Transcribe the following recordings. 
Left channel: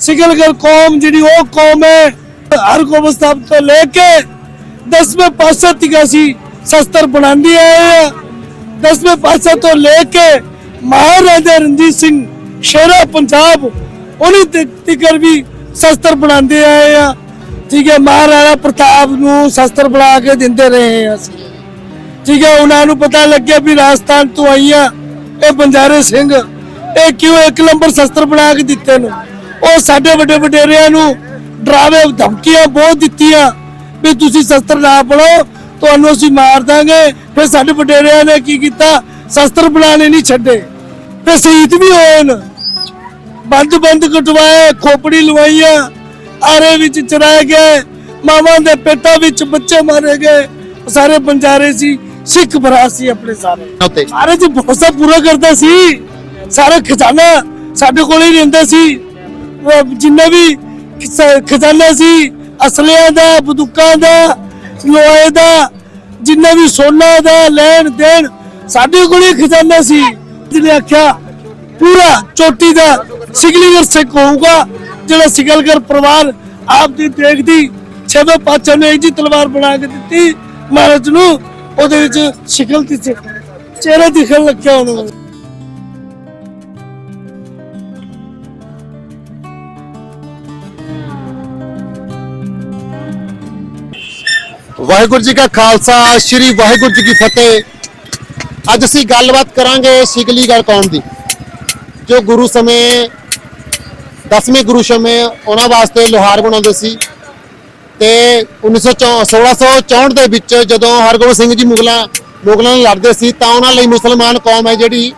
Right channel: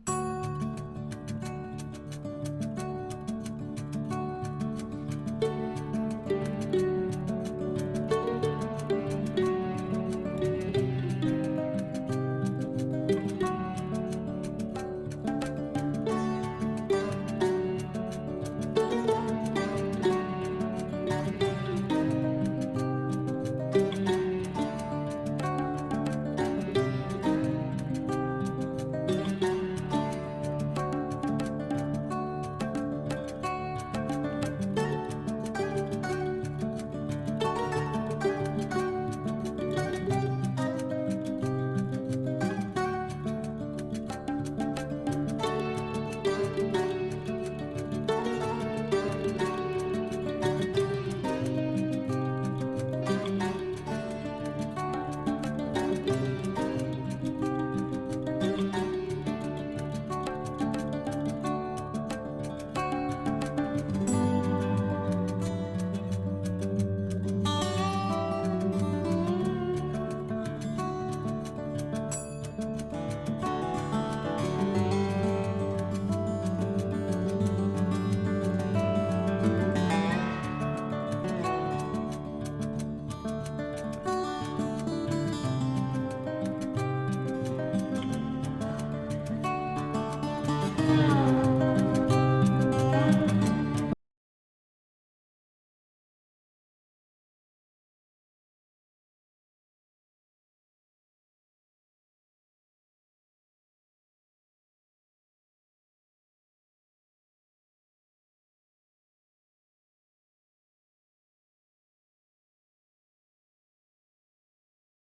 ਸਿਕਲਗਰ ਕੌਮ ਜਿਹੜੀ ਉਹ ਕੌਮ ਹੈ, ਹਰ ਗੋਬਿੰਦ ਸਾਹਿਬ ਤੋਂ ਲੈ ਕੇ ਦਸਵੇਂ ਪਾਤਸ਼ਾਹ ਤੱਕ ਅਸੀਂ ਸ਼ਸਤਰ ਬਣਾਉਂਦੇ ਆਏ ਆ ਦਸਵੇਂ ਪਾਤਸ਼ਾਹ ਤੋਂ ਲੈ ਕੇ ਮਹਾਰਾਜਾ ਰਣਜੀਤ ਸਿੰਘ ਸ਼ੇਰਾ ਪੰਜਾਬ, ਉਹਨੀ ਤੱਕ ਵੀ ਸ਼ਸਤਰ ਬਣਾਉਂਦੇ ਆਏ ਆ ਠੀਕ ਹੈ, ਮਹਾਰਾਜਾ ਪ੍ਰਤਾਪ ਨੂੰ ਸ਼ਸਤਰ ਬਣਾ ਕੇ ਦਿੰਦੇ ਰਹੇ ਆ ਅਸੀਂ। ਠੀਕ ਹੈ, ਉਹਨਾਂ ਨੂੰ ਪਤਾ ਲੱਗਿਆ ਵੀ ਰਾਜਸਥਾਨ ਤੋਂ ਆਈਆਂ ਇਹ ਬੰਜਾਰੇ ਸਿੰਘ, ਇਹ ਕਿਉਂ ਇੱਕ ਨੰਬਰ ਸ਼ਸਤਰ ਬਣਾ ਕੇ ਦਿੱਤੇ ਨੇ? ਉਹ ਸਾਡੇ ਵੱਡੇ ਵਡੇਰਿਆਂ ਨੂੰ ਡਰਾਵੇ ਧਮਕੀਆਂ ਬਹੁਤ ਦਿੱਤੀਆਂ ਵੀ ਤੁਸੀਂ ਸ਼ਸਤਰ ਨਾ ਬਣੋ ਤੁਹਾਨੂੰ ਅਸੀਂ ਮਾਰ ਦਾਂਗੇ। ਫਿਰ ਸਾਡੇ ਵਡੇਰਿਆਂ ਨੇ ਕੀ ਕੀਤਾ? ਸ਼ਸਤਰ ਬਣਾਣੇ ਨਹੀਂ ਛੱਡੇ। ਤੇ ਸ਼ਹੀਦ ਵੀ ਹੋਏ ਨੇ। ਬੰਦ ਬੰਦ ਕਟਵਾਏ ਖੋਪੜੀ ਲਵਾਈਆਂ ਆਰੇ ਵਿੱਚ ਚਰਾਏ ਗਏ ਮਾਵਾਂ ਦੇ ਪੇਟਾਂ ਵਿੱਚ ਬੱਚੇ ਮਾਰੇ ਗਏ। ਸਾਰੇ ਬੰਜਾਰੇ ਸੀ ਸਿੱਖ ਭਰਾ ਸੀ ਆਪਣੇ ਸਾਰੇ। ਸਾਰੇ ਜੀ ਭਰੋਸਾ ਪੂਰਾ ਕਰਦਾ ਸੀ। ਸਾਰਾ ਖਜ਼ਾਨਾ ਸਾਡੇ ਕੋਲ ਹੀ ਰਹਿੰਦਾ ਸੀ। ਜਿੰਨਾ ਵੀ ਖਜ਼ਾਨਾ ਸੀ, ਅਸਲਿਆਂ ਦਾ, ਬੰਦੂਕਾਂ ਦਾ, ਲੋਹੇ ਦਾ, ਜਿੰਨਾ ਵੀ ਸੋਨਾ ਦਾ, ਲੈਣ ਦੇਣ, ਸਾਡੇ ਕੋਲ ਖਜ਼ਾਨਾ ਸੀ। ਜਿਹਨੇ ਆਖਿਆ, ਪੂਰਾ ਚੋਟੀ ਦਾ ਸਿਗਲੀਗਰ ਸਿੱਖ ਹੋਊਗਾ, ਜਿਹੜਾ ਸਿਗਲਗਰ ਪਰਿਵਾਰ ਆਪ ਦੀ ਦੇਖਦੀ ਛੇਵੇਂ ਪਾਤਸ਼ਾਹ ਨੇ ਇੱਕ ਜੀ ਤਲਵਾਰ ਬਣਾ ਕੇ ਦਿੱਤੀ, ਮਹਾਰਾਜ ਨੂੰ ਉਹਦੇ ਵਿੱਚ ਸ਼ਿਕਲ ਦੀ ਸੀ ਚਿਹਰਾ ਦਿਖਣ ਲੱਗਿਆ ਉਹਨੂੰ। ਵਾਹਿਗੁਰੂ ਜੀ ਕਾ ਖਾਲਸਾ, ਸ੍ਰੀ ਵਾਹਿਗੁਰੂ ਜੀ ਕੀ ਫਤਿਹ। ਅੱਜ ਅਸੀਂ ਗੱਲਬਾਤ ਕਰਾਂਗੇ ਸਿਗਲੀਗੜ ਕੌਮ ਦੀ, ਜੋ ਗੁਰੂ ਸਮੇਂ, ਦਸਵੇਂ ਗੁਰੂ ਸਮੇਂ ਉਹਨਾਂ ਵਾਸਤੇ ਲੋਹਾਰ ਬਣਾਉਂਦੇ ਸੀ ਤੇ 1964 1664 ਦੇ ਵਿੱਚ ਜਦੋਂ ਹਰਗੋਬਿੰਦ ਸਿੰਘ ਜੀ ਮੁਗਲਾਂ ਮੁਗਲਾਂ ਨਾਲ ਲੜਦੇ ਸੀ, ਤਾਂ ਉਹਨਾਂ ਲਈ ਮੁਸਲਮਾਨ ਕੌਮ ਹੈ ਜਿਹੜੀ,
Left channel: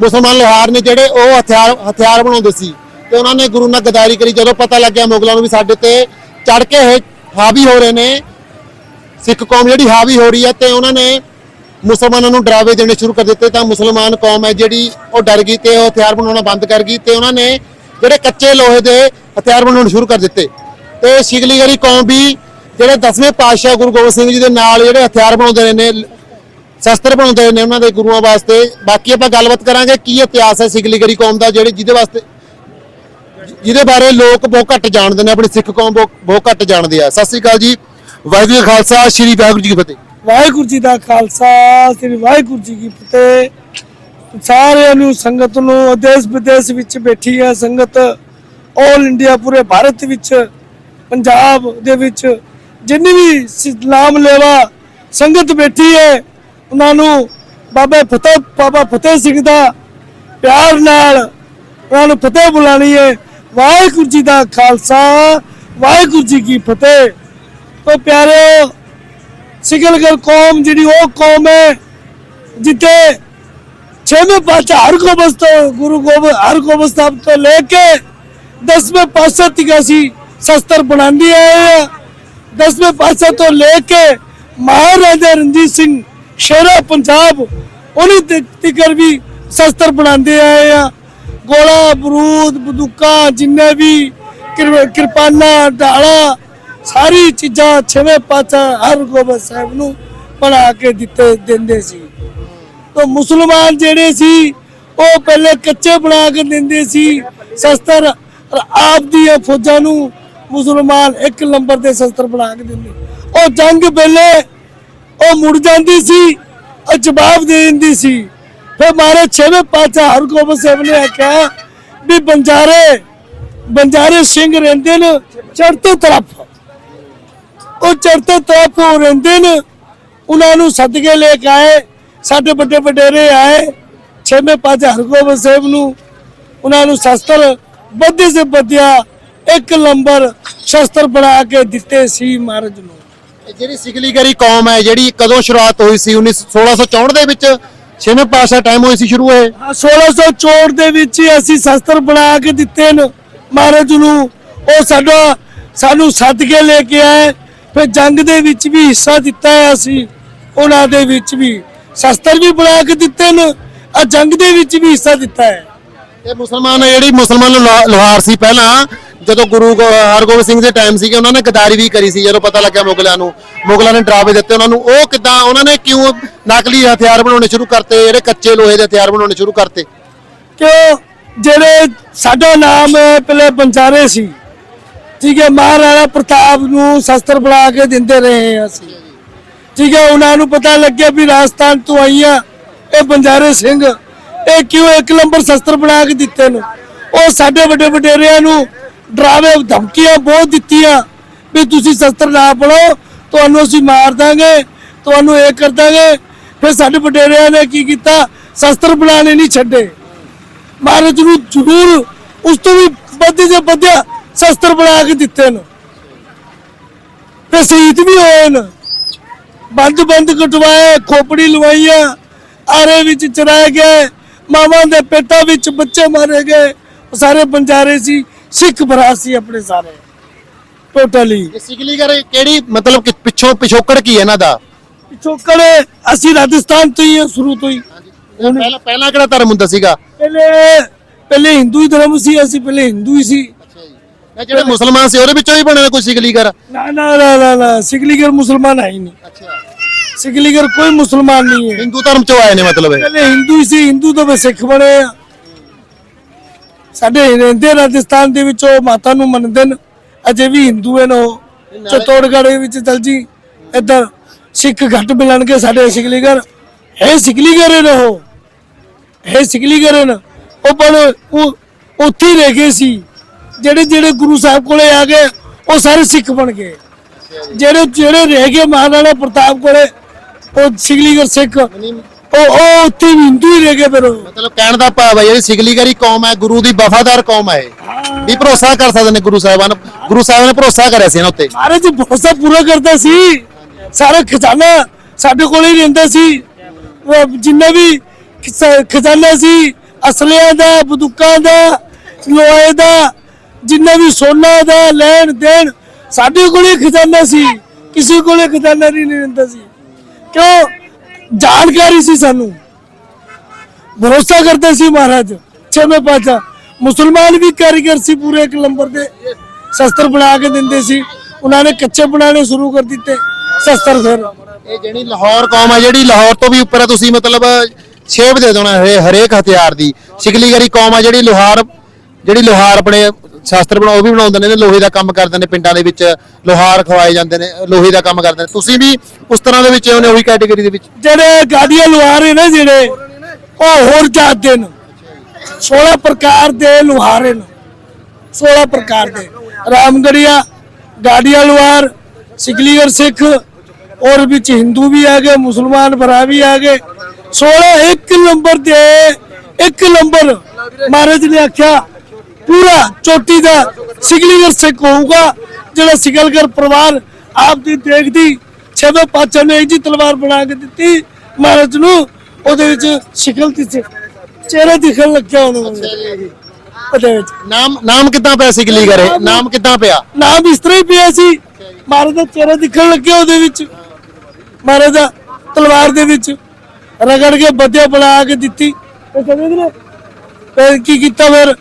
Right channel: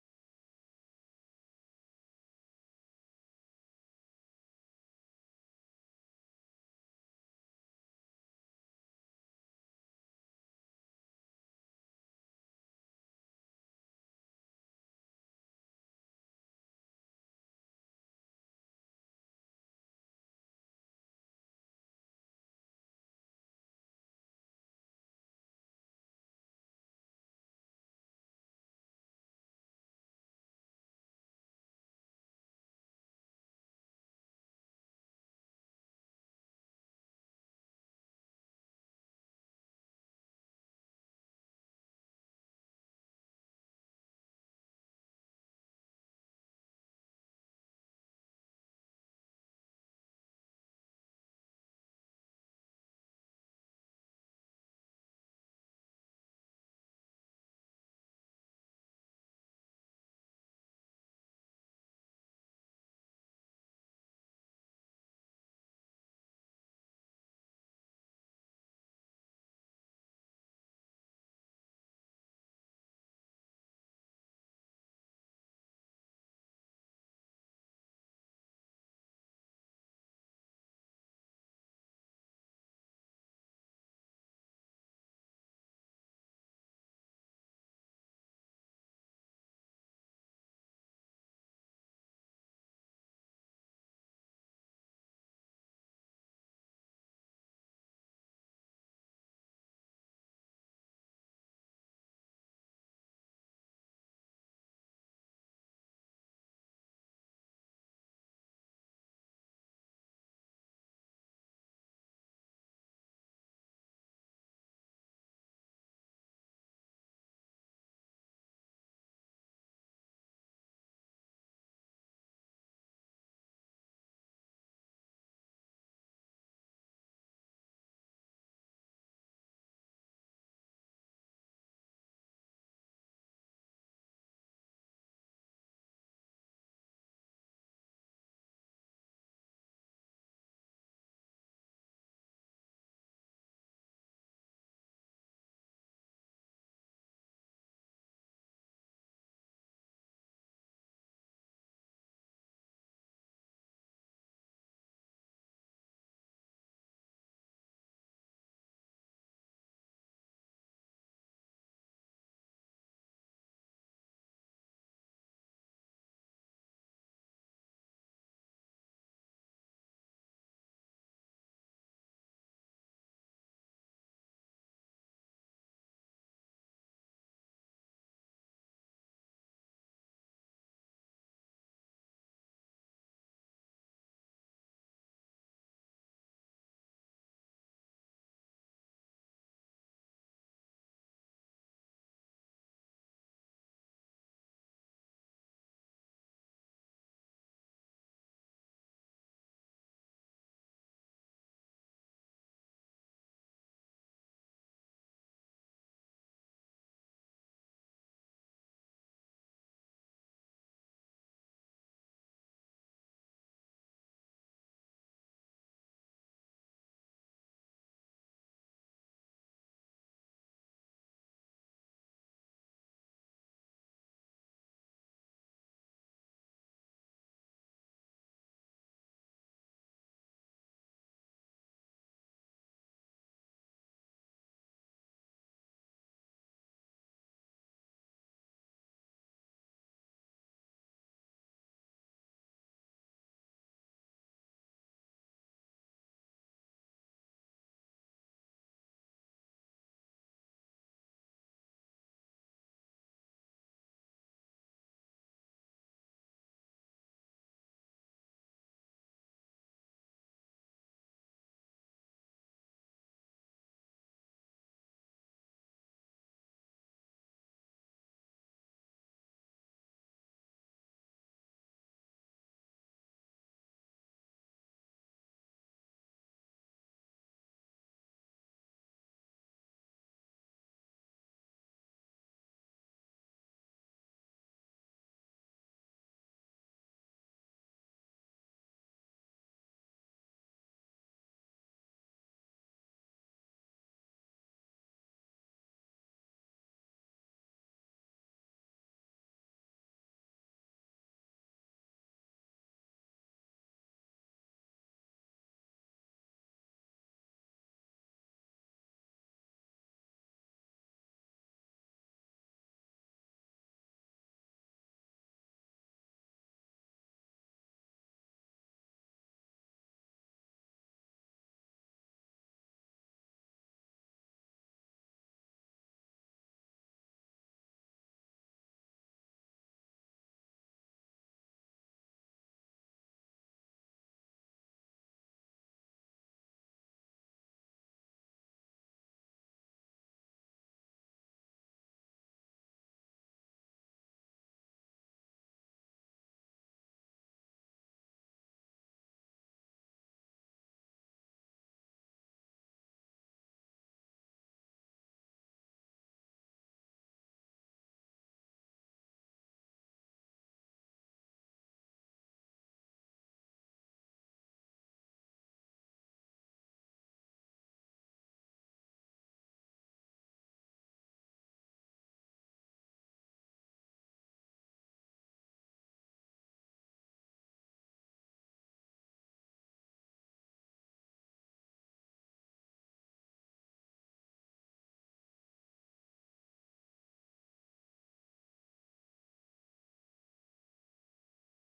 ਮੁਸਲਮਾਨ ਲੋਹਾਰ ਨੇ ਜਿਹੜੇ ਉਹ ਹਥਿਆਰ ਹਥਿਆਰ ਬਣਾਉਂਦੇ ਸੀ। ਤੇ ਉਹਨਾਂ ਨੇ ਗੁਰੂ ਨਾਲ ਗਦਾਰੀ ਕਰੀ, ਜਦੋਂ ਪਤਾ ਲੱਗਿਆ ਮੁਗਲਾਂ ਨੂੰ ਵੀ ਸਾਡੇ ਤੇ ਚੜ ਕੇ ਇਹ ਹਾਵੀ ਹੋ ਰਹੇ ਨੇ ਸਿੱਖ ਕੌਮ ਜਿਹੜੀ ਹਾਵੀ ਹੋ ਰਹੀ ਹੈ ਤੇ ਉਹਨਾਂ ਨੇ ਮੁਸਲਮਾਨਾਂ ਨੂੰ ਡਰਾਵੇ ਦੇਣੇ ਸ਼ੁਰੂ ਕਰ ਦਿੱਤੇ ਤਾਂ ਮੁਸਲਮਾਨ ਕੌਮ ਹੈ ਜਿਹੜੀ ਉਹ ਡਰ ਗਈ ਤੇ ਉਹ ਹਥਿਆਰ ਬਣਾਉਣਾ ਬੰਦ ਕਰ ਗਈ ਤੇ ਉਹਨਾਂ ਨੇ ਜਿਹੜੇ ਕੱਚੇ ਲੋਹੇ ਦੇ ਹਥਿਆਰ ਬਣਾਉਣੇ ਸ਼ੁਰੂ ਕਰ ਦਿੱਤੇ। ਤੇ ਸ਼ਿਗਲੀਗਰੀ ਕੌਮ ਵੀ ਜਿਹੜੇ 10ਵੇਂ ਪਾਤਸ਼ਾਹ ਗੁਰੂ ਗੋਬਿੰਦ ਸਿੰਘ ਜੀ ਦੇ ਨਾਲ ਜਿਹੜੇ ਹਥਿਆਰ ਬਣਾਉਂਦੇ ਰਹੇ ਨੇ, ਸ਼ਸਤਰ ਬਣਾਉਂਦੇ ਨੇ ਉਹਨਾਂ ਦੇ ਗੁਰੂਆਂ ਵਾਸਤੇ। ਬਾਕੀ ਆਪਾਂ ਗੱਲਬਾਤ ਕਰਾਂਗੇ ਕੀ ਇਤਿਹਾਸ ਹੈ ਸਿਗਲੀਗਰੀ ਕੌਮ ਦਾ ਜਿਹੜੇ ਜਿਹਦੇ ਵਾਸਤੇ ਜਿਹਦੇ ਬਾਰੇ ਲੋਕ ਬਹੁਤ ਘੱਟ ਜਾਣਦੇ ਨੇ, ਆਪਣੀ ਸਿੱਖ ਕੌਮ ਬਹੁਤ ਬਹੁਤ ਘੱਟ ਜਾਣਦੇ ਆ। ਸਤਿ ਸ੍ਰੀ ਅਕਾਲ ਜੀ। ਵਾਹਿਗੁਰੂ ਜੀ ਕਾ ਖਾਲਸਾ, ਸ੍ਰੀ ਵਾਹਿਗੁਰੂ ਜੀ ਕੀ ਫਤਿਹ। ਵਾਹਿਗੁਰੂ ਜੀ ਦਾ ਖਾਲਸਾ, ਸ੍ਰੀ ਵਾਹਿਗੁਰੂ ਜੀ ਕੀ ਫਤਿਹ। ਸਾਰਿਆਂ ਨੂੰ ਸੰਗਤ ਨੂੰ ਦੇਸ਼ ਵਿਦੇਸ਼ ਵਿੱਚ ਬੈਠੀ ਹੈ ਸੰਗਤ। 올 ਇੰਡੀਆ ਪੂਰੇ ਭਾਰਤ ਵਿੱਚ, ਪੰਜਾਬ ਦੇ ਵਿੱਚ। ਜਿੰਨੀ ਵੀ ਸ- ਨਾਮ ਲੈਵਾ ਸੰਗਤ ਬੈਠੀ ਹੈ, ਉਹਨਾਂ ਨੂੰ ਬਾਬਾ ਫਤਿਹ ਬਾਬਾ ਫਤਿਹ ਸਿੰਘ ਦਾ ਪਿਆਰ ਨਾਲ ਉਹਨਾਂ ਨੂੰ ਫਤਿਹ ਬੁਲਾਣੀ ਹੈ। ਵਾਹਿਗੁਰੂ ਜੀ ਦਾ ਖਾਲਸਾ, ਵਾਹਿਗੁਰੂ ਜੀ ਕੀ ਫਤਿਹ। ਤੋ ਪਿਆਰਿਓ ਸਿਕਲਗਰ ਕੌਮ ਜਿਹੜੀ ਉਹ ਕੌਮ ਹੈ, ਜਿੱਥੇ ਛੇਵੇਂ ਪਾਤਸ਼ਾਹ ਹਰਗੋਬਿੰਦ ਤੋਂ, ਗੁਰੂ ਗੋਬਿੰਦ ਹਰਗੋਬਿੰਦ ਸਾਹਿਬ ਤੋਂ ਲੈ ਕੇ ਦਸਵੇਂ ਪਾਤਸ਼ਾਹ ਤੱਕ ਅਸੀਂ ਸ਼ਸਤਰ ਬਣਾਉਂਦੇ ਆਏ ਆ ਦਸਵੇਂ ਪਾਤਸ਼ਾਹ ਤੋਂ ਲੈ ਕੇ ਮਹਾਰਾਜਾ ਰਣਜੀਤ ਸਿੰਘ ਸ਼ੇਰਾ ਪੰਜਾਬ, ਉਹਨੀ ਤੱਕ ਵੀ ਸ਼ਸਤਰ ਬਣਾਉਂਦੇ ਆਏ ਆ ਗੋਲਾ ਬਰੂਦ ਬੰਦੂਕਾਂ, ਜਿੰਨੇ ਵੀ ਕਿਰ- ਕਿਰਪਾਨਾਂ, ਢਾਲਾ ਸਾਰੀ ਚੀਜ਼ਾਂ ਛੇਵੇਂ ਪਾਤਸ਼ਾਹ ਹਰਗੋਬਿੰਦ ਸਾਹਿਬ ਨੂੰ ਬਣਾ ਕੇ ਦਿੱਤੇ, ਦਿੰਦੇ ਸੀ। ਤਾਂ ਮੁਸਲਮਾਨ ਜਿਹੜੇ ਸੀ, ਉਹ ਪਹਿਲੇ ਕੱਚੇ ਬਣਾ ਕੇ ਦਿੰਦੇ ਸੀ। ਸ਼ਸਤਰ ਆਪ ਦੀਆਂ ਫੌਜਾਂ ਨੂੰ ਮੁਸਲਮਾਨ ਇੱਕ ਨੰਬਰ ਦੇ ਸ਼ਸਤਰ ਬਣਾ ਕੇ ਦਿੰਦੇ। ਉਹ ਜੰਗ ਵੇਲੇ ਉਹ ਮੁੜ ਜਾਂਦੀ ਸੀ, ਉਹ ਜਵਾਬ ਦੇ ਦਿੰਦੀ ਸੀ। ਫਿਰ ਮਾਰੇ ਛੇਵੇਂ ਪਾਤਸ਼ਾਹ ਹਰਗੋਬਿੰਦ ਸਾਹਿਬ ਨੇ ਆਖਿਆ ਵੀ ਬੰਜਾਰੇ ਬੰਜਾਰੇ ਸਿੰਘ ਰਹਿੰਦੇ ਨੇ ਚੜ੍ਹਤੇ ਤਰਫ। ਉਹ ਚੜ੍ਹਤੇ ਤਰਫ ਉਹ ਰਹਿੰਦੇ ਨੇ। ਉਹਨਾਂ ਨੂੰ ਸਦਕੇ ਲੈ ਕੇ ਆਏ ਸਾਡੇ ਵੱਡੇ ਵਡੇਰੇ ਆਏ ਛੇਵੇਂ ਪਾਤਸ਼ਾਹ ਹਰਗੋਬਿੰਦ ਸਾਹਿਬ ਨੂੰ। ਉਹਨਾਂ ਨੂੰ ਸ਼ਸਤਰ ਬੱਧੇ ਸੇ ਬੱਧਿਆ ਇੱਕ ਨੰਬਰ ਸ਼ਸਤਰ ਬਣਾ ਕੇ ਦਿੱਤੇ ਸੀ ਮਹਾਰਾਜ ਨੂੰ। ਇਹ ਜਿਹੜੀ ਸਿਗਲੀਗਰੀ ਕੌਮ ਹੈ ਜਿਹੜੀ ਕਦੋਂ ਸ਼ੁਰੂਆਤ ਹੋਈ ਸੀ? 19 1664 ਦੇ ਵਿੱਚ ਛੇਵੇਂ ਪਾਤਸ਼ਾਹ ਟਾਈਮ ਹੋਈ ਸੀ ਸ਼ੁਰੂ ਆਹ 1664 ਦੇ ਵਿੱਚ ਹੀ ਅਸੀਂ ਸ਼ਸਤਰ ਬਣਾ ਕੇ ਦਿੱਤੇ ਨੇ ਮਹਾਰਾਜ ਨੂੰ। ਉਹ ਸਾਡਾ ਸਾਨੂੰ ਸੱਦ ਕੇ ਲੈ ਕੇ ਆਏ ਫਿਰ ਜੰਗ ਦੇ ਵਿੱਚ ਵੀ ਹਿੱਸਾ ਦਿੱਤਾ ਹੈ ਅਸੀਂ ਉਹਨਾਂ ਦੇ ਵਿੱਚ ਵੀ ਸ਼ਸਤਰ ਵੀ ਬਣਾ ਕੇ ਦਿੱਤੇ ਨੇ ਆ ਜੰਗ ਦੇ ਵਿੱਚ ਵੀ ਹਿੱਸਾ ਦਿੱਤਾ ਹੈ। ਇਹ ਮੁਸਲਮਾਨ ਜਿਹੜੀ ਮੁਸਲਮਾਨ ਲੋਹਾ- ਲੋਹਾਰ ਸੀ ਪਹਿਲਾਂ ਜਦੋਂ ਗੁਰੂ ਹਰਗੋਬਿੰਦ ਸਿੰਘ ਦੇ ਟਾਈਮ ਸੀਗੇ ਉਹਨਾਂ ਨੇ ਗਦਾਰੀ ਵੀ ਕਰੀ ਸੀ ਜਦੋਂ ਪਤਾ ਲੱਗਿਆ ਮੁਗਲਾਂ ਨੂੰ ਮੁਗਲਾਂ ਨੇ ਡਰਾਵੇ ਦਿੱਤੇ ਉਹਨਾਂ ਨੂੰ ਉਹ ਕਿਦਾਂ ਉਹਨਾਂ ਨੇ ਕਿਉਂ ਨਕਲੀ ਹਥਿਆਰ ਬਣਾਉਣੇ ਸ਼ੁਰੂ ਕਰਤੇ ਜਿਹੜੇ ਕੱਚੇ ਲੋਹੇ ਦੇ ਹਥਿਆਰ ਬਣਾਉਣੇ ਸ਼ੁਰੂ ਕਰਤੇ? ਕਿਉਂ? ਜਿਹੜੇ ਸਾਡਾ ਨਾਮ ਪਹਿਲੇ ਬੰਜਾਰੇ ਸੀ। ਠੀਕ ਹੈ ਮਹਾਰਾਣਾ ਪ੍ਰਤਾਪ ਨੂੰ ਸ਼ਸਤਰ ਬਣਾ ਕੇ ਦਿੰਦੇ ਰਹੇ ਹਾਂ ਅਸੀਂ। ਠੀਕ ਹੈ, ਉਹਨਾਂ ਨੂੰ ਪਤਾ ਲੱਗਿਆ ਵੀ ਰਾਜਸਥਾਨ ਤੋਂ ਆਈਆਂ ਇਹ ਬੰਜਾਰੇ ਸਿੰਘ। ਇਹ ਕਿਉਂ ਇੱਕ ਨੰਬਰ ਸ਼ਸਤਰ ਬਣਾ ਕੇ ਦਿੱਤੇ ਨੇ? ਉਹ ਸਾਡੇ ਵੱਡੇ ਵਡੇਰਿਆਂ ਨੂੰ ਡਰਾਵੇ, ਧਮਕੀਆਂ ਬਹੁਤ ਦਿੱਤੀਆਂ ਵੀ ਤੁਸੀਂ ਸ਼ਸਤਰ ਨਾ ਬਣਾਓ, ਤੁਹਾਨੂੰ ਅਸੀਂ ਮਾਰ ਦਾਂਗੇ, ਤੁਹਾਨੂੰ ਇਹ ਕਰ ਦਾਂਗੇ। ਫਿਰ ਸਾਡੇ ਵਡੇਰਿਆਂ ਨੇ ਕੀ ਕੀਤਾ? ਸ਼ਸਤਰ ਬਣਾਉਣੇ ਨਹੀਂ ਛੱਡੇ। ਮਹਾਰਾਜ ਨੂੰ ਜ਼ਰੂਰ ਉਸ ਤੋਂ ਵੀ ਵੱਧ ਜੇ ਵਧਿਆ ਸ਼ਸਤਰ ਬਣਾ ਕੇ ਦਿੱਤੇ ਨੇ ਤੇ ਸ਼ਹੀਦ ਵੀ ਹੋਏ ਨੇ ਬੰਦ ਬੰਦ ਕਟਵਾਏ ਖੋਪੜੀ ਲਵਾਈਆਂ ਆਰੇ ਵਿੱਚ ਚਰਾਏ ਗਏ ਮਾਵਾਂ ਦੇ ਪੇਟਾਂ ਵਿੱਚ ਬੱਚੇ ਮਾਰੇ ਗਏ। ਸਾਰੇ ਬੰਜਾਰੇ ਸੀ ਸਿੱਖ ਭਰਾ ਸੀ ਆਪਣੇ ਸਾਰੇ। ਟੋਟਲੀ ਇਹ ਸਿਗਲੀਗਰ ਕਿਹੜੀ ਮਤਲਬ ਕਿ ਪਿੱਛੋਂ ਪਿਛੋਕੜ ਕੀ ਹੈ ਇਹਨਾਂ ਦਾ? ਪਿਛੋਕੜ ਅਸੀਂ ਰਾਜਸਥਾਨ ਤੋਂ ਹੀ ਹਾਂ ਸ਼ੁਰੂ ਤੋਂ ਹੀ। ਪਹਿਲਾਂ ਪਹਿਲਾਂ ਕਿਹੜਾ ਧਰਮ ਹੁੰਦਾ ਸੀਗਾ? ਪਹਿਲੇ ਪਹਿਲੇ ਹਿੰਦੂ ਹੀ ਧਰਮ ਸੀ ਅਸੀਂ ਪਹਿਲੇ ਹਿੰਦੂ ਹੀ ਸੀ। ਜਿਹੜੇ ਮੁਸਲਮਾਨ ਸੀ ਉਹਦੇ ਵਿੱਚੋਂ ਹੀ ਬਣੇ ਨੇ ਕੋਈ ਸਿਗਲੀਗਰ ਨਾ ਨਾ ਨਾ ਨਾ ਨਾ ਸਿਗਲੀਗਰ ਮੁਸਲਮਾਨ ਹੈ ਹੀ ਨਹੀਂ। ਅੱਛਾ। ਸਿਗਲੀਗਰ ਕੋਈ ਮੁਸਲਮਾਨ ਨਹੀਂ ਹੈ। ਹਿੰਦੂ ਧਰਮ ਚੋਂ ਆਏ ਨੇ ਮਤਲਬ ਇਹ? ਪਹਿਲੇ ਹਿੰਦੂ ਹੀ ਸੀ ਹਿੰਦੂ ਤੋਂ ਫਿਰ ਸਿੱਖ ਬਣੇ ਆ। ਸਾਡੇ ਰਹਿੰਦੇ ਰਾਜਸਥਾਨ ਦੇ ਵਿੱਚ ਉਹ ਮਾਤਾ ਨੂੰ ਮੰਨਦੇ ਨੇ। ਅਜੇ ਵੀ ਹਿੰਦੂ ਹਨ ਉਹ। ਚਤੋੜਗੜ੍ਹ ਵਿੱਚ ਚਲ ਜੀ ਇੱਧਰ ਸਿੱਖ ਘੱਟ ਮਿਲਣਗੇ ਸਾਡੇ ਸਿਕਲੀਗਰ ਹੈ ਸਿਕਲੀਗਰ ਨੇ ਉਹ। ਹੈ ਸਿਕਲੀਗਰ ਨੇ। ਉਹ ਪਰ ਉਹ ਉੱਥੇ ਰਹਿ ਗਏ ਸੀ। ਜਿਹੜੇ ਜਿਹੜੇ ਗੁਰੂ ਸਾਹਿਬ ਕੋਲੇ ਆ ਗਏ ਉਹ ਸਾਰੇ ਸਿੱਖ ਬਣ ਗਏ। ਜਿਹੜੇ ਜਿਹੜੇ ਰਹਿ ਗਏ ਮਹਾਰਾਣਾ ਪ੍ਰਤਾਪ ਕੋਲੇ ਉਹ ਸਿਕਲੀਗਰ ਸਿੱਖ ਉਹ ਉਹ ਉੱਥੇ ਵੀ ਹਿੰਦੂ ਹੀ ਰਹਿ ਗਏ ਫਿਰ ਉਹ। ਮਤਲਬ ਕਹਿਣ ਦਾ ਭਾਵ ਹੈ ਜਿਹੜੀ ਸਿਗਲੀਗਰੀ ਕੌਮ ਹੈ ਗੁਰੂ ਦੀ ਵਫਾਦਾਰ ਕੌਮ ਹੈ ਇਹ। ਵੀ ਭਰੋਸਾ ਕਰ ਸਕਦੇ ਨੇ ਗੁਰੂ ਸਾਹਿਬਾਨ ਗੁਰੂ ਸਾਹਿਬ ਨੇ ਭਰੋਸਾ ਕਰਿਆ ਸੀ ਇਹਨਾਂ ਉੱਤੇ। ਮਹਾਰਾਜ ਭਰੋਸਾ ਪੂਰਾ ਕਰਦਾ ਸੀ। ਸਾਰਾ ਖਜ਼ਾਨਾ ਸਾਡੇ ਕੋਲ ਹੀ ਰਹਿੰਦਾ ਸੀ। ਉਹ ਜਿੰਨਾ ਵੀ ਖਜ਼ਾਨਾ ਸੀ ਅਸਲਿਆਂ ਦਾ ਬੰਦੂਕਾਂ ਦਾ ਲੋਹੇ ਦਾ ਜਿੰਨਾ ਵੀ ਸੋਨਾ ਦਾ ਲੈਣ ਦੇਣ, ਸਾਡੇ ਕੋਲ ਖਜ਼ਾਨਾ ਸੀ, ਕਿਸੇ ਕੋਲੇ ਖਜ਼ਾਨਾ ਨਹੀਂ ਰਹਿੰਦਾ ਸੀ। ਕਿਉਂ? ਜਾਣਕਾਰੀ ਸੀ ਸਾਨੂੰ। ਭਰੋਸਾ ਕਰਦੇ ਸੀ ਮਹਾਰਾਜ, ਛੇਵੇਂ ਪਾਤਸ਼ਾਹ। ਮੁਸਲਮਾਨ ਵੀ ਕਾਰੀਗਰ ਸੀ ਪੂਰੇ ਇੱਕ ਨੰਬਰ ਦੇ। ਸ਼ਸਤਰ ਬਣਾ ਕੇ ਦਿੰਦੇ ਸੀ। ਉਹਨਾਂ ਨੇ ਕੱਚੇ ਬਣਾਉਣੇ ਸ਼ੁਰੂ ਕਰ ਦਿੱਤੇ। ਸ਼ਸਤਰ ਫਿਰ। ਇਹ ਜਿਹੜੀ ਲਾਹੌਰ ਕੌਮ ਹੈ ਜਿਹੜੀ ਲਾਹੌਰ ਤੋਂ ਵੀ ਉੱਪਰ ਹੈ ਤੁਸੀਂ ਮਤਲਬ ਛੇਬ ਦੇ ਦੇਣਾ ਹਰੇ- ਹਰੇਕ ਹਥਿਆਰ ਦੀ। ਸਿਗਲੀਗਰੀ ਕੌਮ ਹੈ ਜਿਹੜੀ ਲੋਹਾਰ ਜਿਹੜੀ ਲੋਹਾਰ ਆਪਣੇ ਸ਼ਾਸਤਰ ਬਣਾ ਉਹ ਵੀ ਬਣਾਉਂਦੇ ਨੇ, ਲੋਹੇ ਦਾ ਕੰਮ ਕਰਦੇ ਨੇ ਪਿੰਡਾਂ ਦੇ ਵਿੱਚ, ਲੋਹਾਰ ਖਵਾਏ ਜਾਂਦੇ ਨੇ, ਲੋਹੇ ਦਾ ਕੰਮ ਕਰਦੇ ਨੇ। ਤੁਸੀਂ ਵੀ ਉਸ ਤਰ੍ਹਾਂ ਦੇ ਵਿੱਚ ਉਹਨੇ ਉਹੀ ਕੈਟਾਗਰੀ ਦੇ ਵਿੱਚ? ਜਿਹੜੇ ਗਾਡੀਆਂ ਲੁਹਾਰੇ ਨੇ ਜਿਹੜੇ, ਉਹ ਹੋਰ ਜਾਤ ਦੇ ਨੇ। 16 ਪ੍ਰਕਾਰ ਦੇ ਲੁਹਾਰੇ ਨੇ। 16 ਪ੍ਰਕਾਰ ਦੇ। ਰਾਮਗੜੀਆ ਗਾਡੀਆ ਲੁਹਾਰ ਸਿਕਲੀਗਰ ਸਿੱਖ ਔਰ ਵਿੱਚ ਹਿੰਦੂ ਵੀ ਆ ਗਏ, ਮੁਸਲਮਾਨ ਭਰਾ ਵੀ ਆ ਗਏ। 16 ਇੱਕ ਨੰਬਰ ਦੇ, ਇੱਕ ਨੰਬਰ। ਮਹਾਰਾਜ ਨੇ ਆਖਿਆ ਪੂਰਾ ਚੋਟੀ ਦਾ ਸਿਕਲੀਗਰ ਸਿੱਖ ਹੋਊਗਾ ਜਿਹੜਾ ਸਿਕਲਗਰ ਪਰਿਵਾਰ ਆਪ ਦੀ ਦੇਖਦੀ ਛੇਵੇਂ ਪਾਤਸ਼ਾਹ ਨੇ ਜੀ ਤਲਵਾਰ ਬਣਾ ਕੇ ਦਿੱਤੀ ਮਹਾਰਾਜ ਨੂੰ ਉਹਦੇ ਵਿੱਚ ਸ਼ਿਕਲ ਦੀ ਚਿਹਰਾ ਦਿਖਣ ਲੱਗਿਆ ਉਹਨੂੰ। ਉਹਦੇ ਵਿੱਚ। ਨਾਮ ਨਾਮ ਕਿੱਦਾਂ ਪਿਆ ਸਿਗਲੀਗਰ ਇਹ ਨਾਮ ਕਿੱਦਾਂ ਪਿਆ? ਨਾਮ ਇਸ ਤਰ੍ਹਾਂ ਹੀ ਪਿਆ ਸੀ। ਮਹਾਰਾਜ ਦਾ ਚਿਹਰਾ ਦਿਖਣ ਲੱਗਿਆ ਉਹਦੇ ਵਿੱਚ। ਮਹਾਰਾਜ ਦਾ ਤਲਵਾਰ ਦੇ ਵਿੱਚ ਰਗੜ ਕੇ ਬੱਦਿਆ ਬਣਾ ਕੇ ਦਿੱਤੀ। ਸਮਝ ਗਏ ਫਿਰ ਕੀ ਕੀਤਾ ਫਿਰ?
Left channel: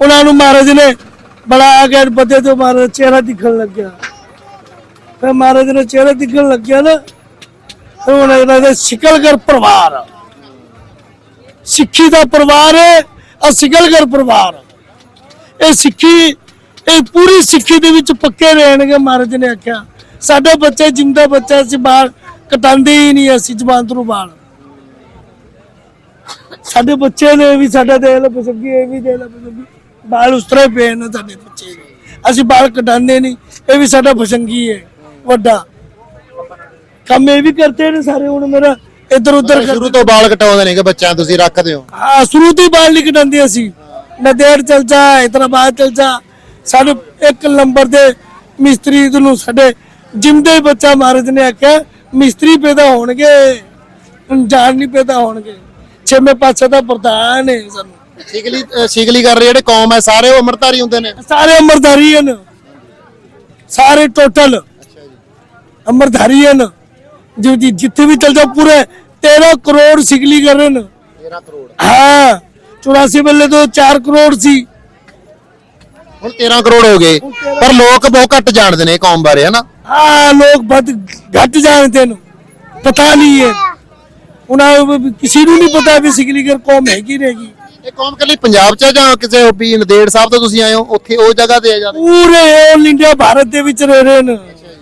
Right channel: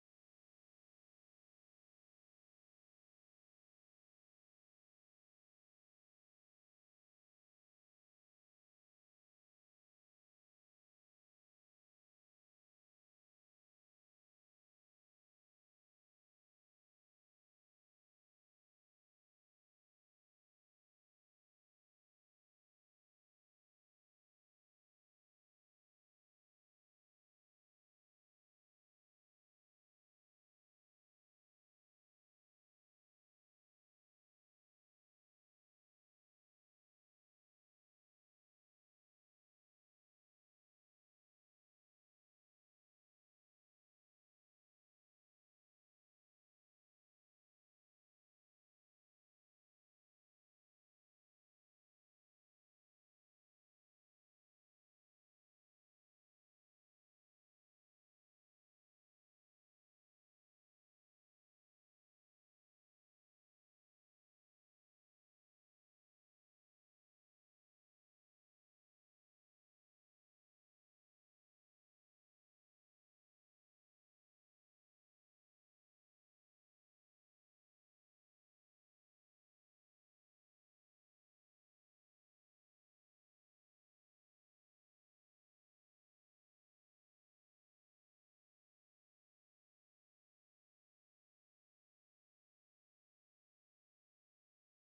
ਉਹਨਾਂ ਨੂੰ ਮਹਾਰਾਜ ਨੇ ਬਣਾ ਕੇ ਬੱਦੇ ਤੋਂ ਮਹਾਰਾਜ ਦਾ ਚਿਹਰਾ ਦਿਖਣ ਲੱਗਿਆ। ਫਿਰ ਮਹਾਰਾਜ ਨੇ ਚਿਹਰਾ ਦਿਖਣ ਲੱਗਿਆ ਨਾ, ਫਿਰ ਉਹਨਾਂ ਇਹਨਾਂ ਦੇ ਸ਼ਿਕਲਗਰ ਪਰਿਵਾਰ ਸਿੱਖੀ ਦਾ ਪਰਿਵਾਰ ਹੈ ਆ ਸਿਕਲਗਰ ਪਰਿਵਾਰ ਇਹ ਸਿੱਖੀ, ਇਹ ਪੂਰੀ ਸਿੱਖੀ ਦੇ ਵਿੱਚ ਪੱਕੇ ਰਹਿਣਗੇ ਮਹਾਰਾਜ ਨੇ ਆਖਿਆ। ਸਾਡੇ ਬੱਚੇ ਜਿੰਦਾ ਬੱਚਾ ਸੀ ਬਾਲ ਕਟਾਉਂਦੇ ਹੀ ਨਹੀਂ ਅਸੀਂ ਜ਼ਬਾਨ ਤੋਂ ਬਾਲ ਸਾਡੇ ਬੱਚੇ ਨੇ ਵੀ ਸਾਡਾ ਦੇ ਲੈ ਪਸੰਗੀ ਇਹ ਵੀ ਦੇ ਲੈ ਪਸੰਗੀ ਬਾਲ ਉਸ ਤਰ੍ਹਾਂ ਹੀ ਪਏ ਨੇ ਸਾਡੇ ਬੱਚੇ। ਅਸੀਂ ਬਾਲ ਕਟਾਉਂਦੇ ਨਹੀਂ ਇਹ ਵੀ ਸਾਡਾ ਪਸੰਗੀ ਹੈ ਵੱਡਾ। ਕੰਮ ਇਹ ਵੀ ਕਰਦੇ ਨੇ ਸਾਰੇ ਹੁਣ ਮੇਰਾ ਇੱਧਰ ਉੱਧਰ ਸ਼ੁਰੂ ਤੋਂ ਵਾਲ ਕਟਾਉਂਦੇ ਨੇ ਕਿ ਬੱਚਿਆਂ ਤੁਸੀਂ ਰੱਖਦੇ ਹੋ? ਹਾਂ ਸ਼ੁਰੂ ਤੋਂ ਹੀ ਬਾਲ ਨਹੀਂ ਕਟਾਉਂਦੇ ਅਸੀਂ। ਨਦੇੜ ਚਲ ਜਾ ਹੈਦਰਾਬਾਦ ਚਲ ਜਾ। ਸਾਡੇ ਇੱਕ ਨੰਬਰ ਦੇ ਮਿਸਤਰੀ ਨੂੰ ਸਾਡੇ ਜਿੰਦੇ ਬੱਚਾ ਮਹਾਰਾਜ ਨੇ ਆਖਿਆ ਮਿਸਤਰੀ ਪੈਦਾ ਹੋਣਗੇ ਜਾਣ ਨਹੀਂ ਪੈਦਾ ਹੋਣਗੇ। ਛੇਵੇਂ ਪਾਸੇ ਦਾ ਪ੍ਰਧਾਨ ਹੈ ਸਾਨੂੰ। ਸਿਗਲੀ ਅ, ਸਿਗਲੀ ਕਰ ਰਹੇ ਜਿਹੜੇ ਕੌਮ ਹੈ ਸਾਰੇ ਉਹ ਅਮਰਤਾਰੀ ਹੁੰਦੇ ਨੇ? ਸਾਰੇ ਅਮਰਧਾਰੀ ਹਨ। ਸਾਰੇ ਟੋਟਲ ਅਮਰਧਾਰੀ ਹਨ। ਜੋ ਜੀ ਜਿੱਥੇ ਵੀ ਚਲ ਜਾ ਪੂਰੇ 13 ਕਰੋੜ ਸਿਗਲੀ ਕਰ ਰਹੇ ਨੇ 13 ਕਰੋੜ। ਹਾਂ 84 ਵੇਲੇ ਤੋਂ 4 ਕਰੋੜ ਸੀ। ਹੁਣ 13 ਕਰੋੜ ਹੋ ਗਏ। ਪਰ ਲੋਕ ਬਹੁਤ ਘੱਟ ਜਾਣਦੇ ਨੇ ਇਹ ਕੌਮ ਬਾਰੇ ਹਨਾ? ਹਾਂ ਲੋਕ ਬਹੁਤ ਘੱਟ ਜਾਣਦੇ ਨੇ। ਪਤਾ ਨਹੀਂ ਹੈ। ਉਹਨਾਂ ਨੂੰ ਵੀ ਕਿਸੇ ਨੂੰ ਨਹੀਂ ਪਤਾ ਵੀ ਸਿਗਲੀਗਰ ਕੌਮ ਹੈਗੀ ਰਹੇਗੀ ਇਹ ਕੌਮ ਕੱਲੀ ਪੰਜਾਬ 'ਚ ਆ ਜਾਂ ਕਿਸੇ ਵੀ ਨਦੇੜ ਸਾਹਿਬ ਤੋਂ ਤੁਸੀਂ ਆਏ ਹੋ ਉੱਥੇ ਉਹ ਜਗ੍ਹਾ ਤੇ ਆ ਜਾਂਦੇ ਪੂਰੇ 올 ਇੰਡੀਆ ਭਾਰਤ ਦੇ ਵਿੱਚ ਰਹਿ ਰਹੇ ਨੇ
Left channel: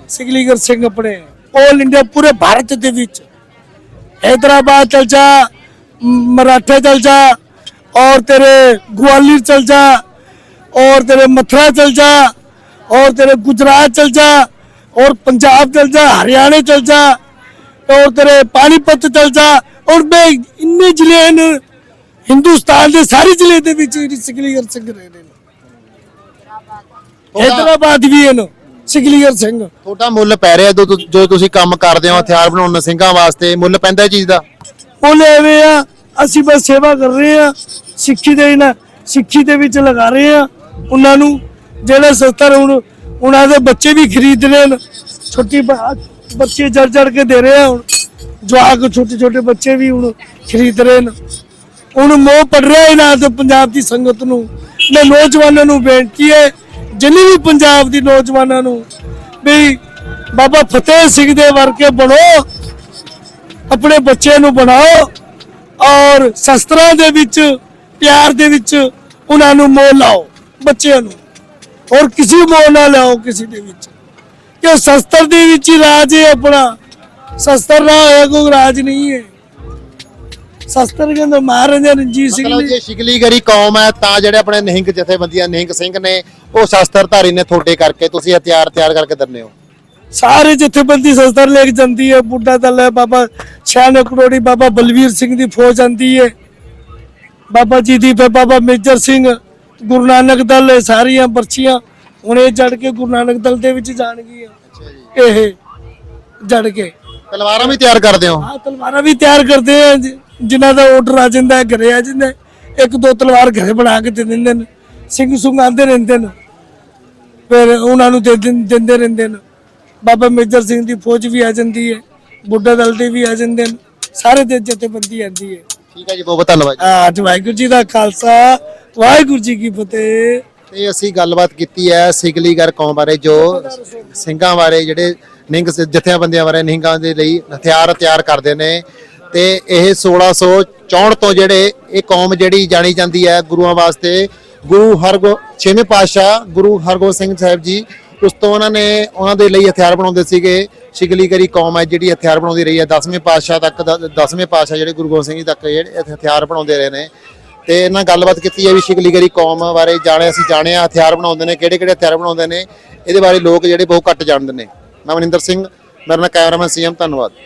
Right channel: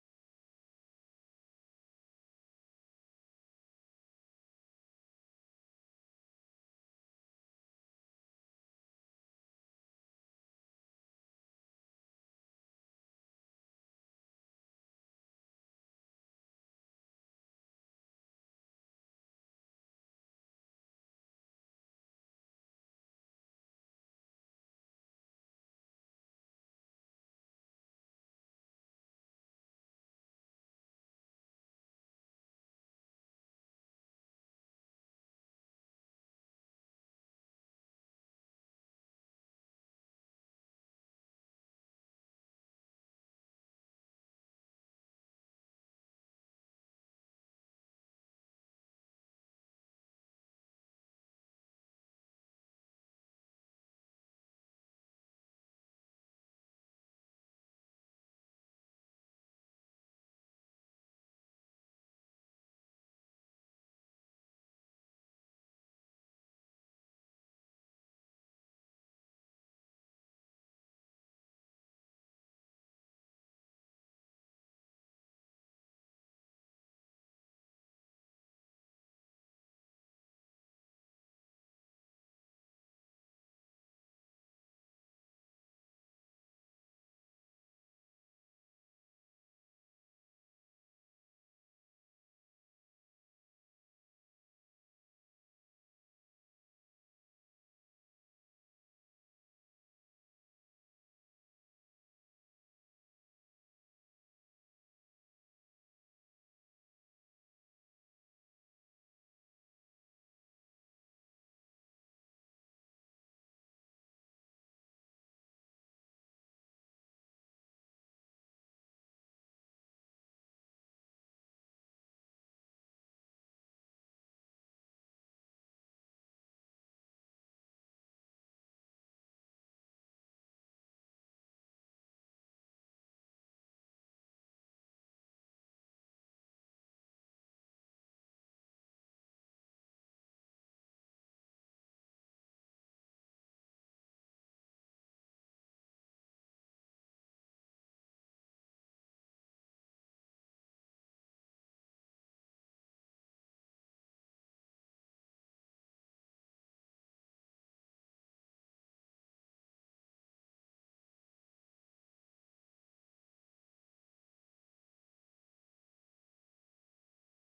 ਸਿਗਲੀਗਰ ਸਿੰਘ ਆਪਣੇ 올 ਇੰਡੀਆ ਪੂਰੇ ਭਾਰਤ ਦੇ ਵਿੱਚ हैदराबाद चल जा म- मराठा चल जा और तेरे ग्वालियर चल जा और तेरे मथुरा चल जा और तेरे गुजरात चल जा और पंजाब चल जा हरियाणा चल जा और तेरे पानीपत चल जा और मैं इन्ने जिले हैं ਹਿੰਦੁਸਤਾਨ ਦੇ ਸਾਰੇ ਜ਼ਿਲ੍ਹੇ ਦੇ ਵਿੱਚ ਸਿਕਲੀਅਰ ਸਿੰਘ ਰਹੇ ਨੇ। ਹੈਦਰਾਬਾਦ ਵੀ ਇਹਨੂੰ ਸਿਕਲੀਅਰ ਸਿੰਘ। ਤੁਹਾਡਾ ਮੁੱਲ ਪੈ ਰਿਹਾ ਜਦੋਂ ਤੁ- ਤੁਸੀਂ ਕੰਮ ਕਰਦੇ ਹੋ ਹਥਿਆਰ ਬਣਾਉਣ ਸਿੰਘਾਂ ਵਾਸਤੇ ਮੁੱਲ ਪੈਂਦਾ ਇਹ ਚੀਜ਼ ਦਾ? ਉਹਨੇ ਐਵੇਂ ਆ ਅਸੀਂ ਬਸ ਸੇਵਾ ਕਰ ਰਹੇ ਆ ਸਿੱਖੀ ਦੇ ਨਾਲ ਸਿੱਖੀ ਦੇ ਵਿੱਚ ਲਗਾ ਰਹੇ ਆ ਉਹਨਾਂ ਨੂੰ ਜਿਹੜੇ ਸੱਤਰ ਹੁਣ ਉਹਨਾਂ ਦੇ ਬੱਚੇ ਵੀ ਖਰੀਦ ਰਹੇ ਨੇ ਛੋਟੀ ਬੱਚੇ ਜੜ ਜੜ ਕੇ ਦੇ ਰਹੇ ਆ ਹੁਣ। ਜਵਾਕ ਛੋਟੇ ਛੋਟੇ ਬੱਚੇ ਵੀ ਹੁਣ ਖਰੀਦ ਰਹੇ ਨੇ ਹੁਣ ਮੋਹ ਪੜ ਰਿਹਾ ਇਹਨਾਂ ਤੇ ਪੰਜਾਬ ਦੀ ਸੰਗਤ ਨੂੰ। ਮੈਂ ਨੌਜਵਾਨਾਂ ਨੂੰ ਬੇਨਤੀ ਹੈ, ਜਿੰਨੀ ਵੀ ਪੰਜਾਬ ਦੀ ਨੌਜਵਾਨਾਂ ਨੂੰ ਵੀ ਬਾਬਾ ਫਤਿਹ ਸਿੰਘ ਦੇ ਵਰਗੇ ਬਣੋ, ਆਪਣੇ ਬੱਚੇ ਨੂੰ ਬਣਾਓ ਔਰ ਸ਼ਸਤਰਾਂ ਦੇ ਵਿੱਚ, ਪਿਆਰ ਦੇ ਵਿੱਚ ਉਹਨਾਂ ਨੂੰ ਮੋਹ ਲਾਓ, ਬੱਚਿਆਂ ਨੂੰ। ਔਰ ਕਿਸੇ ਮੋਹ ਨਾ ਲਾਓ ਕਿਸੇ ਦੇ ਵਿੱਚ। ਕਿ ਸ਼ਸਤਰ ਦੇ ਵਿੱਚ ਹੀ ਰਾਜ ਹੈ ਆਪਣਾ? ਸ਼ਸਤਰ ਨਾ ਹੋਇਆ ਕੋਈ ਰਾਜ ਨਹੀਂ ਹੈ। ਸ਼ਸਤਰ ਕਹਿੰਦਾ ਮਹਾਰਾਜਾ ਰਣਜੀਤ ਸਿੰਘ ਮਤਲਬ ਨੇ। ਜੇ ਸ਼ਿਕਲੀਗਰੀ ਕੌਮ ਹੈ ਤਾਂ ਜਿਹੜੇ ਆਪਣੇ ਨਿਹੰਗ ਜਥੇਬੰਦੀਆਂ ਨਿਹੰਗ ਸਿੰਘ ਨੇ ਉਹ ਸ਼ਸਤਰਧਾਰੀ ਨੇ ਤੁਹਾਡੇ ਕਰਕੇ ਤੁਸੀਂ ਹਥਿਆਰ ਤਿਆਰ ਕਰਕੇ ਦਿੰਦੇ ਹੋ। ਸਾਰੇ ਜਥੇਬੰਦੀ ਸ਼ਸਤਰ ਲੈ ਕੇ ਜਾਂਦੀ ਹੈ ਬੁੱਢਾ ਦਲ ਹੈ ਬਾਬਾ ਛਿਆਨੇ ਕਰੋੜੀ ਬਾਬਾ ਬਲਵੀਰ ਸਿੰਘ ਦੀ ਫੌਜ ਆਂਦੀ ਹੈ। ਬਾਬਾ ਜੀ ਦੀ ਫਿਰ ਬਾਬਾ ਮੇਜਰ ਸਿੰਘ ਗੁਰੂ ਨਾਨਕ ਦਲ ਇਹ ਸਾਰੀਆਂ ਪਰਚੀਆਂ ਹੁਣ ਇਹ ਜੜ ਕੇ ਗੁਰੂ ਨਾਨਕ ਦਲ ਦੇ ਵਿੱਚ ਜਾਣਗੀਆਂ। ਇਹ ਜੜ ਕੇ। ਤਲਵਾਰਾਂ ਵੀ ਤਿਆਰ ਕਰਦੇ ਹੋ? ਆ ਤਲਵਾਰਾਂ ਵੀ ਤਿਆਰ ਕਰਦੇ ਆ ਜਿ- ਜਿਨ੍ਹਾਂ ਦਾ ਆਰਡਰ ਆ ਜਾਂਦਾ ਹੈ ਘਰੇ ਆ ਜਾਂਦਾ ਹੈ। ਇੱਕ ਦੋ ਤਲਵਾਰ ਘਰੇ ਬਣਾ ਕੇ ਦੇ ਦਿੰਦੇ ਨੇ ਸਿੰਘ ਸੁੰਗ ਆਂਦੇ ਰਹਿੰਦੇ ਨੇ ਫਿਰ ਉਹਨਾਂ ਨੂੰ ਦੇ ਦਿੰਦੇ ਰਹਿੰਦੇ ਨੇ ਬਾਬਾ ਮੇਜਰ ਸਿੰਘ ਦੀ ਫੌਜ ਵੀ ਆ ਜਾਂਦੀ ਹੈ ਬੁੱਢਾ ਦਲ ਦੇ ਵੀ ਆ ਜਾਂਦੇ ਨੇ ਸਾਰੇ ਦੇ ਜਥੇਬੰਦੀ ਆਂਦੀ ਹੈ ਠੀਕ ਹੈ ਜੀ ਬਹੁਤ ਬਹੁਤ ਧੰਨਵਾਦ ਜੀ। ਅੱਜ ਵਾਹਿਗੁਰੂ ਜੀ ਦਾ ਖਾਲਸਾ ਵਾਹਿਗੁਰੂ ਜੀ ਕੀ ਫਤਿਹ ਤੇ ਅਸੀਂ ਗੱਲਬਾਤ ਕੀਤੀ ਹੈ ਸਿਗਲੀਗਰ ਕੌਮ ਬਾਰੇ ਜੋ ਸਿੰਘਾਂ ਬਾਰੇ ਜਿਹੜੇ ਨਿਹੰਗ ਸ- ਜਥੇਬੰਦੀਆਂ ਬਾਰੇ ਨਿਹੰਗਾਂ ਦੇ ਲਈ ਹਥਿਆਰ ਤਿਆਰ ਕਰਦੇ ਨੇ ਤੇ ਇਹ 1664 ਤੋਂ ਜਿਹੜੇ ਇਹ ਕੌਮ ਜਿਹੜੀ ਜਾਣੀ ਜਾਂਦੀ ਹੈ ਗੁਰੂਆਂ ਵਾਸਤੇ, ਗੁਰੂ ਹਰਗੋ, ਛੇਵੇਂ ਪਾਤਸ਼ਾਹ ਗੁਰੂ ਹਰਗੋਬਿੰਦ ਸਿੰਘ ਸਾਹਿਬ ਜੀ, ਉਸ ਤੋਂ ਉਹਨਾਂ ਨੇ ਉਹਨਾਂ ਦੇ ਲਈ ਹਥਿਆਰ ਬਣਾਉਂਦੇ ਸੀਗੇ। ਸ਼ਿਗਲੀਗਰੀ ਕੌਮ ਹੈ ਜਿਹੜੀ ਹਥਿਆਰ ਬਣਾਉਂਦੀ ਰਹੀ ਹੈ। 10ਵੇਂ ਪਾਤਸ਼ਾਹ ਤੱਕ 10ਵੇਂ ਪਾਤਸ਼ਾਹ ਜਿਹੜੇ ਗੁਰੂ ਗੋਬਿੰਦ ਸਿੰਘ ਜੀ ਤੱਕ ਜਿਹੜੇ ਹਥਿਆਰ ਬਣਾਉਂਦੇ ਰਹੇ ਨੇ। ਤੇ ਇਹਨਾਂ ਗੱਲਬਾਤ ਕੀਤੀ ਹੈ ਵੀ ਸ਼ਿਗਲੀਗਰੀ ਕੌਮ ਬਾਰੇ ਜਾਣਿਆ, ਅਸੀਂ ਜਾਣਿਆ ਹਥਿਆਰ ਬਣਾਉਂਦੇ ਨੇ ਕਿਹੜੇ ਕਿਹੜੇ ਹਥਿਆਰ ਬਣਾਉਂਦੇ ਨੇ। ਇਹਦੇ ਬਾਰੇ ਲੋਕ ਜਿਹੜੇ ਬਹੁਤ ਘੱਟ ਜਾਣਦੇ ਨੇ। ਮੈਂ ਮਨਿੰਦਰ ਸਿੰਘ, ਮੇਰਾ ਨਾਮ ਕੈਮਰਾਮੈਨ ਸੀਐਮ ਧੰਨਵਾਦ।